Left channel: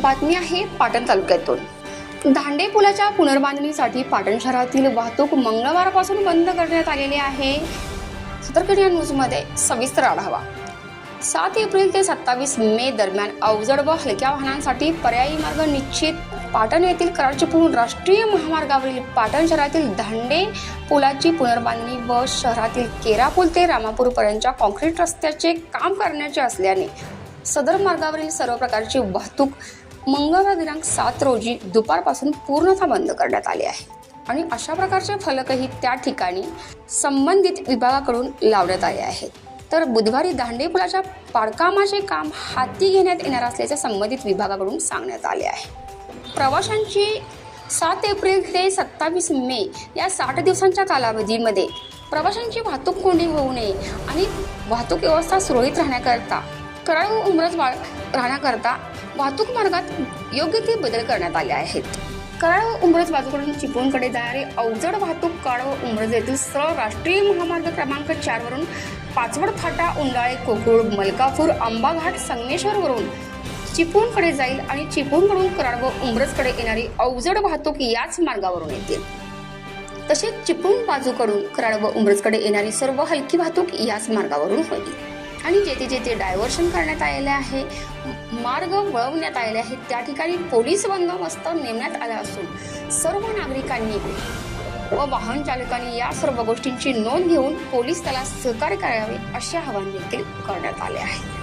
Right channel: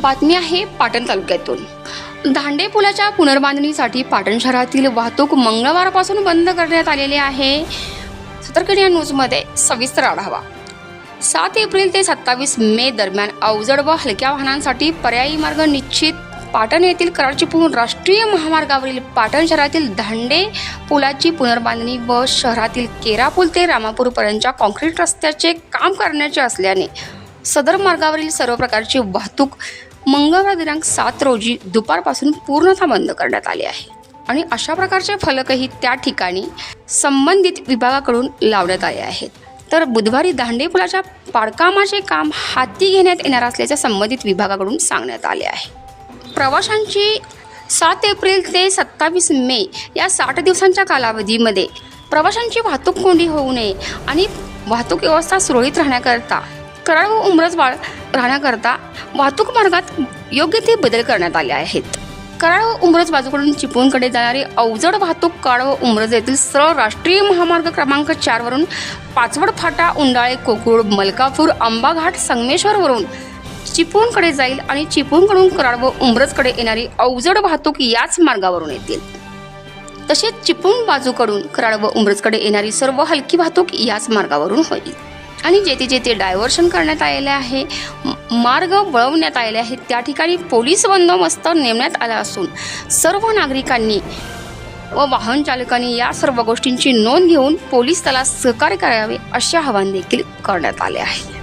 बातमी आहे पाटण तालुक्यातून। दांडे पुलाच्या पुनर्बांधणीसाठी पाटण शहरातील वाहतूक मंगळवारपासून बंद करण्यात आलेली आहे। सतर्क न्यूजमध्ये सविस्तर आढावा। 7 एप्रिल ते 27 मे दरम्यान अवजड व हलक्या वाहनांसाठी पर्यायी मार्ग निश्चित। पाटण येथील कराड चिपळूण राष्ट्रीय महामार्गावरील पाटण शहरातील दांडे पुलाची पुनर्बांधणी व शहरातील केरापूल ते रामापूर पर्यंतच्या कॉन्क्रीट रस्त्याचे काम करण्याचे असल्याने सदर मार्गावरील सर्व प्रकारची वाहतूक मंगळवार दिनांक 7 रोजी दुपारपासून पूर्णतः बंद करण्यात आली आहे आणि अशा प्रकारचे फलकही त्या ठिकाणी संबंधित विभागाकडून लावण्यात आले आहेत। तर बुधवारी दांडे पुलाच्या पाडकामाचे काम हाती घेण्यात येणार असल्याचे संबंधित विभागाकडून सांगण्यात आले आहे। प्रवाशांची 7 एप्रिल ते 27 मे या 60 दिवसांच्या कालावधीमध्ये प्रवाशांची वाहतूक कोंडी होऊ नये आणि वाहतूक व्यवस्था सुरळीत राहण्याकरता कराड व उमरजवाड राहण्याकरता वाहतूक मार्गात योग्य ते बदल करण्यात आले आहेत। कराड व उमरज बाजूकडून चिपळूणकडे जाणारी अवजड वाहतूक कराड व उमरज येथील सरळ राष्ट्रीय महामार्ग क्रमांक 4 वरून पाचवड फाटा, उंडाळे, कोकुळ, मलकापूर, आंबाघाट, संगमेश्वर वरून चिपळूणकडे जाईल आणि चिपळूणकडून कराड व उमरजकडे येणारी अवजड वाहतूक याच मार्गावरून येतील। तसेच चिपळूण बाजूकडून कराड व उमरजकडे येणारी सर्व हलकी वाहतूक याच मार्गावरून होईल आणि जेथे जेथे डायव्हर्शन करण्यात आलेले आहे, मार्ग वळवण्यात आलेले आहेत, त्या ठिकाणी पोलीस बंदोबस्त नेमण्यात आला असून सर्व नागरिकांनी व वाहन चालकांनी या सर्व गोष्टींची नोंद घेऊन पोलीस दलाला सहकार्य करावे असे आवाहन देखील करण्यात आले आहे।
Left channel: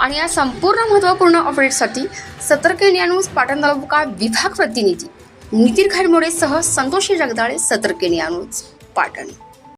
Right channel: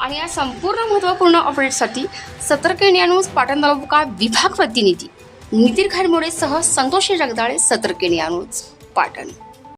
आणि या संपूर्ण महत्त्वपूर्ण अपडेटसाठी सतर्क न्यूज पाटण तालुका विभाग प्रतिनिधी नितीन खारमोडेसह संतोषी जगदाळे, सतर्क न्यूज पाटण।